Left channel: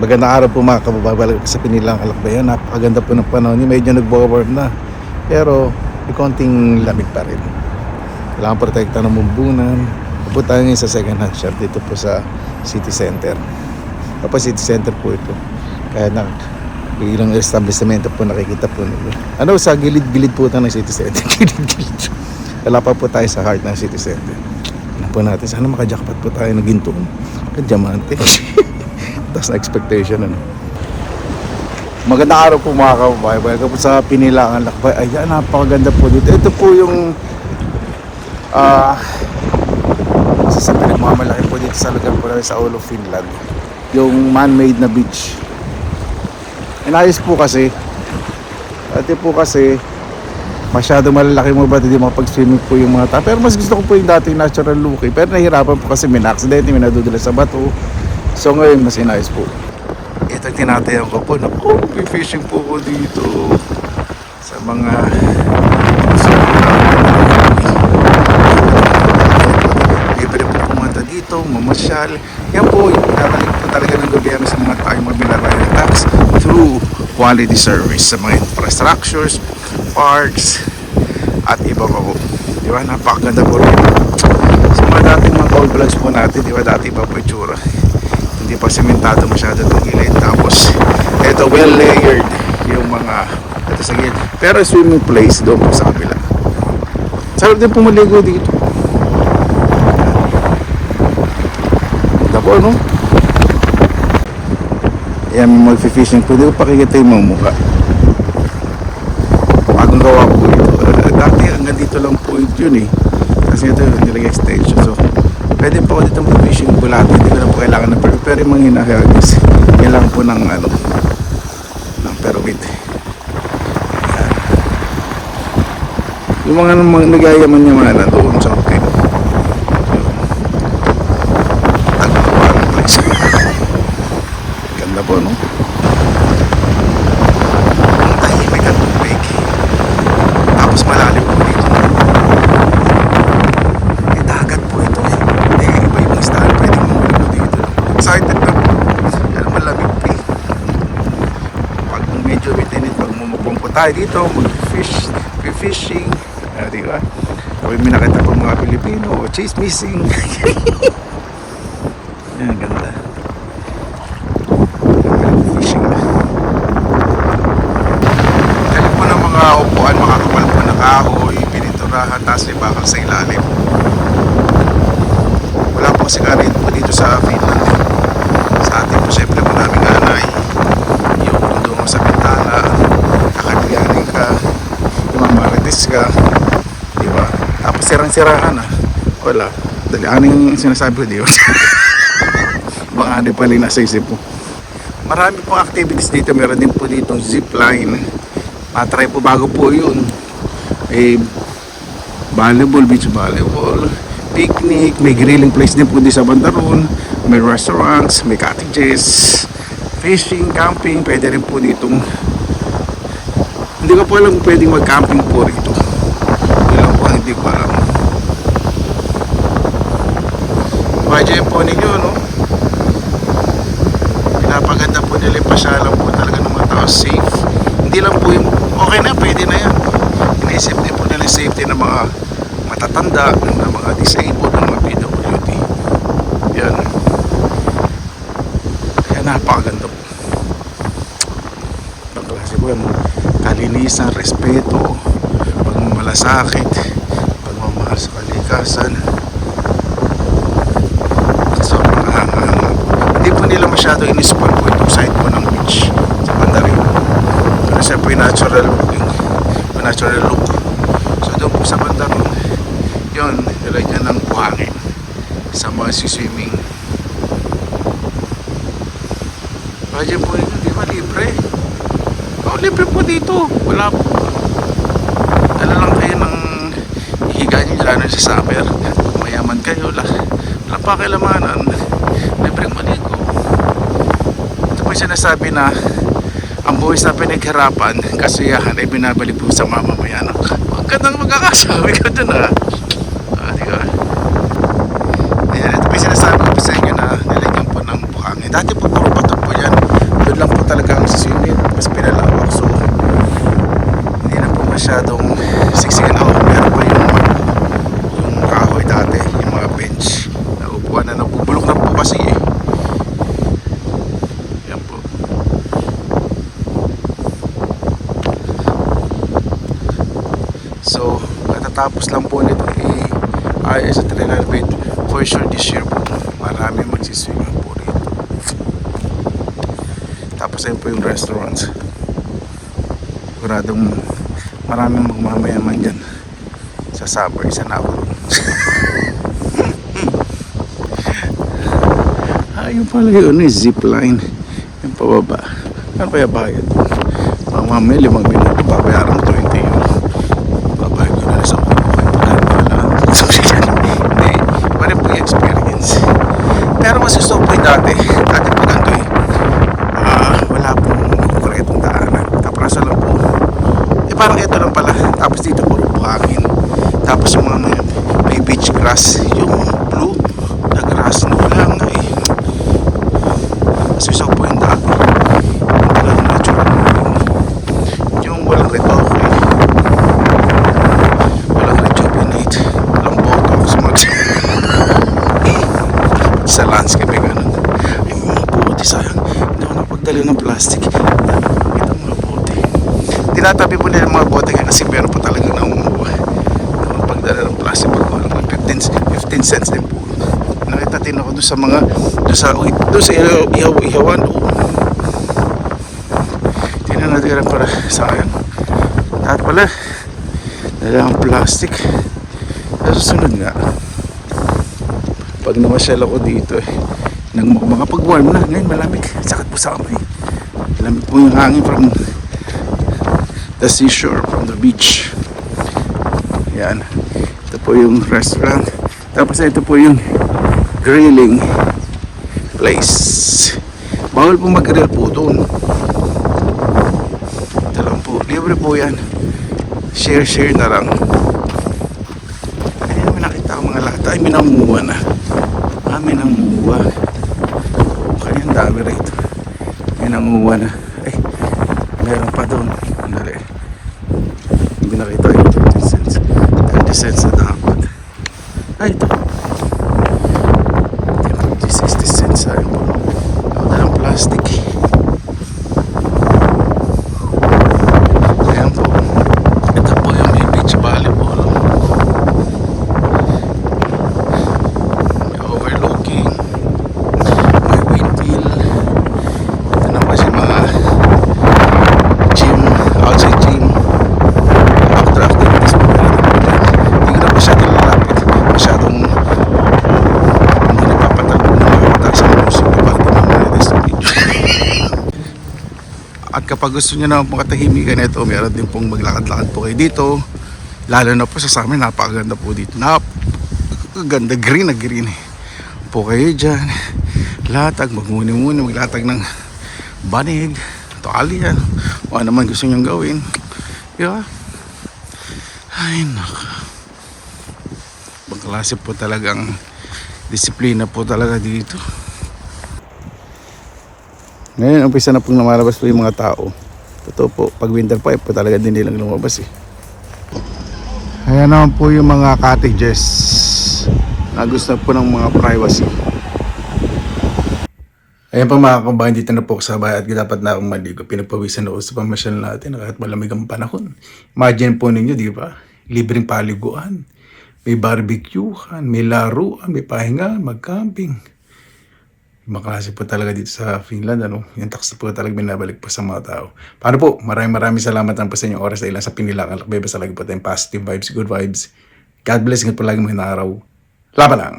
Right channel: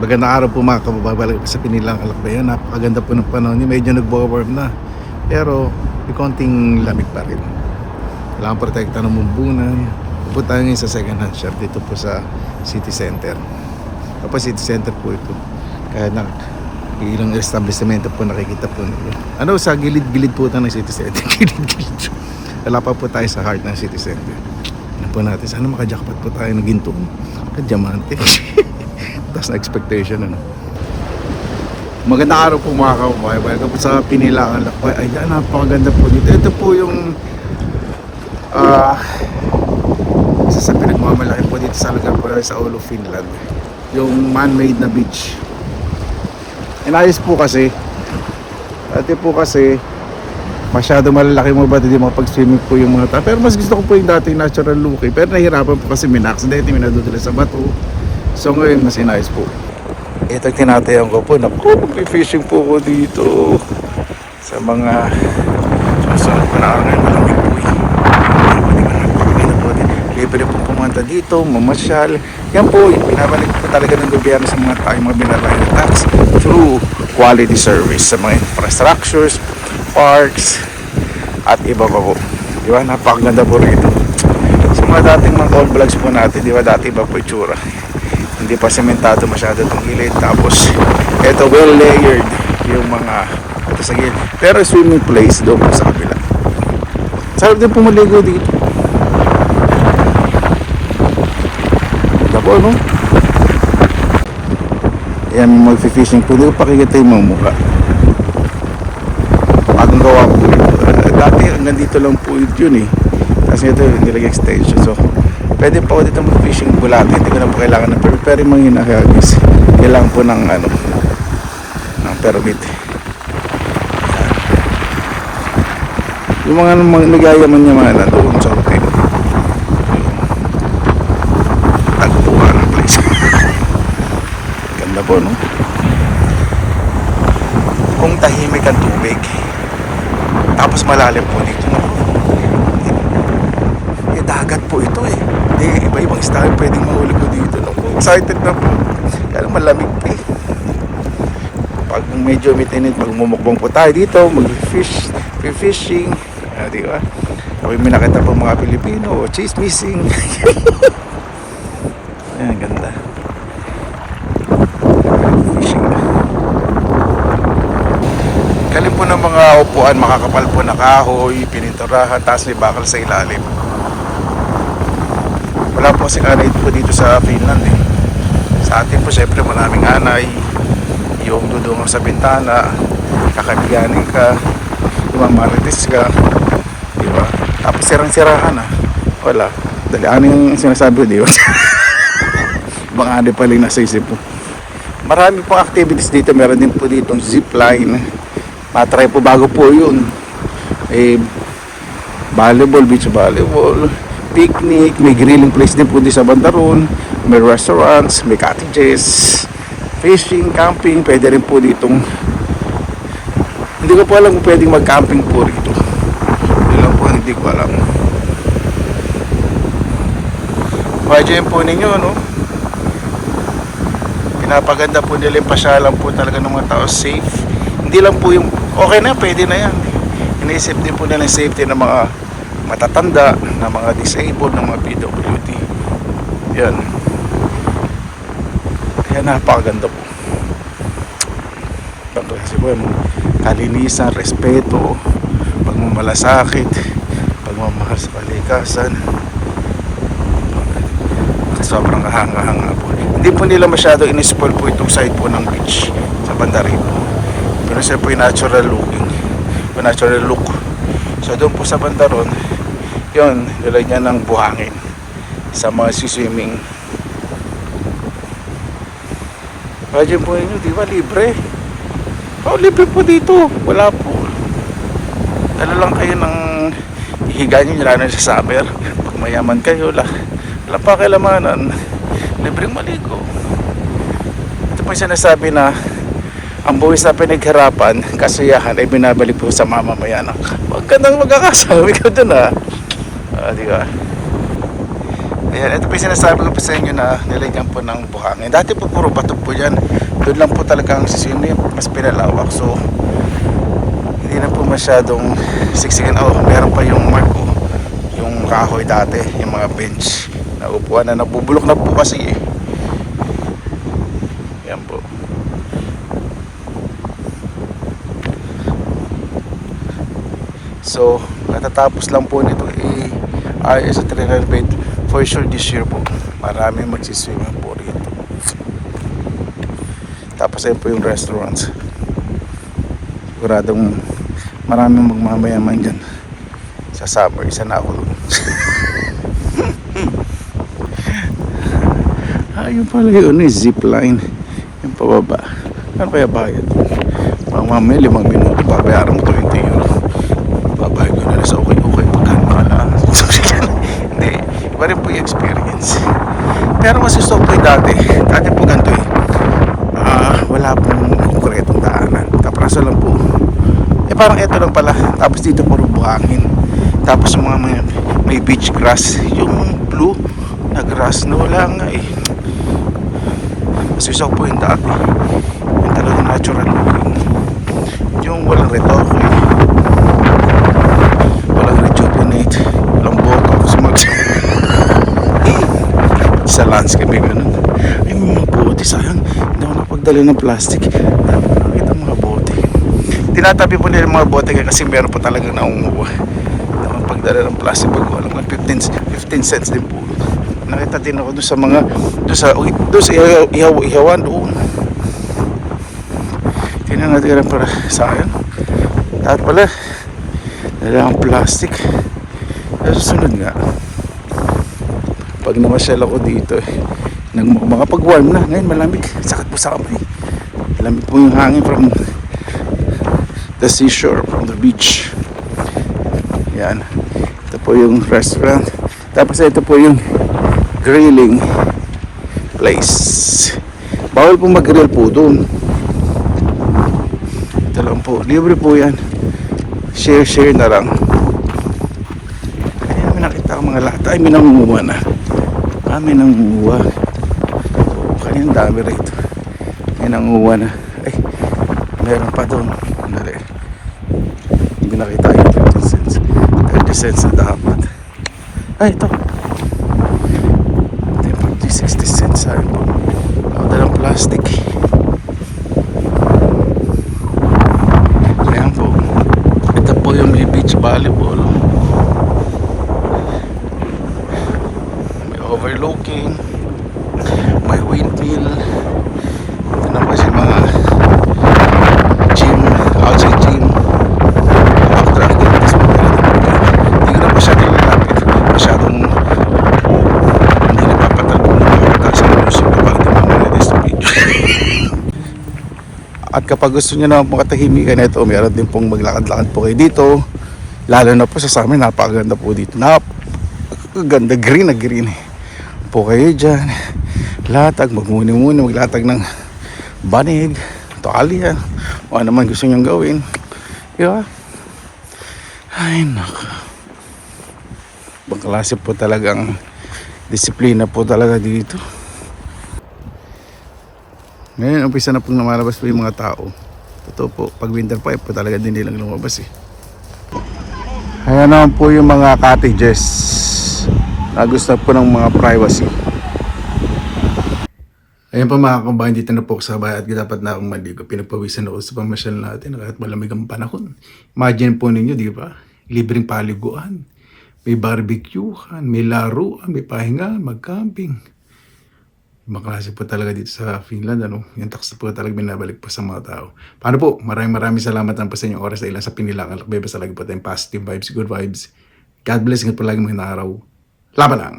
Magandang araw po mga kababayan sa Pinilang Alakbayan. Napakaganda po ng panahon. Medyo nagbo-warm na, pero may konting lamig pa rin. Kailangan protekta ng mumbunan. Pupunta tayo ngayon sa second hand shop dito po sa City Center. Kapag City Center po ito, kaya na ilang establishmento po nakikita po ninyo. Ano, sa gilid-gilid po tayo ng City Center. Gilid-gilid. Wala pa po tayo sa heart ng City Center. Tignan po natin, sana makajakpat po tayo ng ginto, diamante. Taas na expectation, ano. Magandang araw po mga kababayan. Welcome po sa Pinilang Alakbay. Ayan, napakaganda po dito. Ito po yung sa pinagmamalaki po dito sa lugar po sa Oulu, Finland. Yung man-made na beach. Inayos po kasi masyado malalaki mo ba hindi makapag-swimming po yung mga tao. Pero mas gusto ko po yung dating natural look eh. Pero nahihirapan po kasi may na-accident, may nadudula sa bato. So ngayon mas inayos po. Ito tinatayan ko po. Naku, mag-fishing po ko dito sa mga pwede po pumunta dito, mamasyal. Yan po, pinabalik po talaga ng gobyerno sa mga tayong mga binabayad tax through quality service sa mga infrastructures, parks, at iba pa po. Di ba? Napakaganda po rito. Sa mga dating mga old vlogs po natin, di ba? Dati iba po itsura. Hindi pa sementado masyado itong gilid. Tapos, ito well layered yung mga ito sa gilid. Pero swimming place doon po sa kabila. Sarap din pumaligo dito. Ako, no? Ayan, may mag-fishing po. Hindi ko pakikita yung mga mukha. Bagong gawa po ito. Dati, nandito lang po yun eh. Kasi ito, nilagay extension. So, pwede pa ako dito mag-fishing bulate. Hindi ko na po kailangan ng permit. Pero yung mga hinahagis, kailangan po ng ng permit. Ayan. Yung mga nagayaman niya mga doon sa okay. Ganda po, no? Kung tahimik ang tubig, tapos malalim po dito. Eh, dagat po ito eh. Iba-ibang style pwedeng mahuli po dito, no? Excited na po. Kaya malamig po eh. Pag medyo mitinit, magmumukbang po tayo dito, mag-fishing. Di ba? Kami may nakita po mga Pilipino, chismising. Ayan, ganda. Galing po ng mga upuan, makakapal po na kahoy, pininturahan, taas may bakal sa ilalim. Wala po kasing anay po dito sa Finland eh. Sa atin po syempre maraming anay, yung dudungan sa bintana, kakabiganin ka, imamarites ka, diba? Tapos sirang-sirahan wala, dali aning sinasabi ko, diba? Baka anay pa rin nasa isip po. Marami pong activities dito, meron din po ditong zipline. Matry po bago po yun. May volleyball, beach volleyball, picnic, may grilling place din po din sa Bandaron, may restaurants, may cottages, fishing, camping, pwede rin po ditong, hindi ko po alam kung pwedeng mag-camping po rito. Hindi ko alam. Pwede po ninyo, no? Pinapaganda po nila yung pasyalan po talaga ng mga tao, safe. Hindi lang po yung okay na, pwede na yan. Iniisip din po nila yung safety ng mga matatanda, ng mga disabled, ng mga PWD. Yan. Kaya napakaganda po. Kasi po yan, kalinisan, respeto, pagmamalasakit, pagmamahal sa kalikasan. Sobrang hanga-hanga po. Hindi po nila masyado in-spoil po itong side po ng beach sa Bandarin. Pero siya po yung natural looking, natural look. So doon po sa Bandaron, yun, nilagyan ng buhangin sa mga swimming. Radyo po ninyo, di ba libre? Libre po dito. Wala po. Ano lang kayo ng higa nyo, lalo na sa summer. Pag mayaman kayo, wala pa kailamanan. Libreng maligo. Ito po yung sinasabi na ang buwis na pinaghirapan, kasiyahan ay binabalik po sa mamamayan. Huwag ka nang magkakasabi ka dun di ba? Ayan, ito po yung sinasabi ko po sa inyo na nilagyan po ng buhangin. Dati po puro bato po yan. Doon lang po talaga ang sisinip. Mas pinalawak. So, hindi na po masyadong siksikan. Oh, meron pa yung kahoy dati. Yung mga bench na upuan na nabubulok na po kasi eh. Yan po. So, matatapos lang po nito i-ayos at renovate for sure this year po. Marami magsiswimming po rito. Tapos ayun po yung restaurants. Siguradong maraming magmamayaman dyan sa summer. Isa na ako. Ayun pala yun, zipline. Yung pababa. Ano pa yung bayad? Mamaya 5 minuto babayaran mo 20 yun. Babayad ko na sa okay po kayo po tayo mahala. Hindi, iba rin po yung experience. Pero mas gusto po yung dati po ganito eh. Wala pong konkretong daanan. Kaprasan lang po. Parang ito lang pala. Tapos dito puro buhangin. Tapos yung mga may beach grass. Yung blue na grass na wala nga eh. Mas gusto po yung dati. Yung talagang natural. Yung walang retoke eh. Walang rejuvenate. Walang botox. Sa landscape eh ganun. Yung mga puti sayang. Hindi ako napagdala ng plastic. Nakita mga bote. Tinatabi po nila mga bote kasi meron po talaga na umuha. Pagdala ng plastic po. 15 cents din po. Nakita din ako doon sa mga doon sa ihawan doon. Tingnan natin para sa akin. Dapat pala nila ang plastic. Pero susunod nga pag namasyal ako dito mga pag-warm na ngayon malamig. Sakit po sa kamay. Malamig po yung hangin from the seashore, from the beach. Yan. Ito po yung restaurant. Tapos ito po yung grilling place. Bawal po mag-grill po doon. Ito lang po. Libre po yan. Share na lang. Ay, may nakita ko mga lata. Ay, may nangunguha na. May nangunguha. Kanyang dami rito. May nangunguha na. Ay, meron pa doon. Hindi nakita yung 30 cents. 30 cents na dapat. Ay, ito. 60 cents. Ay po. Ako na ng plastic. Ayan po. Ito po yung beach volleyball. May overlooking. May windmill. Ito na po yung mga gym. Outside gym. After this po. Hindi ko na masyadong malapit. Masyadong hindi napapatalo na yung sa music kapag tinanong sa video. At kapag gusto nyo naman pong katahimikan na ito, meron din pong maglakad-lakad po kayo dito. Lalo na po sa amin, napakaganda po dito. Napakaganda, green na green. Po kayo dyan. Latag, magmuni-muni, maglatag ng banig, tuwalya, o ano man gusto nyo gawin. Diba? Ay, naku. Bangklase po talagang disiplina po talaga dito. Ngayon, umpisa na pong lumalabas po yung mga tao. Totoo po, pag winter pa po talaga din nilang lumabas eh. Ayan naman po yung mga cottages na gusto po ng mga privacy. Ayan pa mga kabayan, dito na po sa bahay at dapat na akong maligo. Pinagpawisan ako sa pamasyal natin kahit malamig ang panahon. Imagine po ninyo, di ba? Libreng paliguan. May barbecuehan, may laruan, may pahinga, mag-camping. Makasi po talaga dito sa Finland, ano? Yung tax po talaga binabalik po sa mga tao. Paano po? Maraming salamat lang po sa inyong oras dahil sa pinilangan. Basta lagi po tayong positive vibes, good vibes. God bless, ingat po lagi mga araw. Laban lang!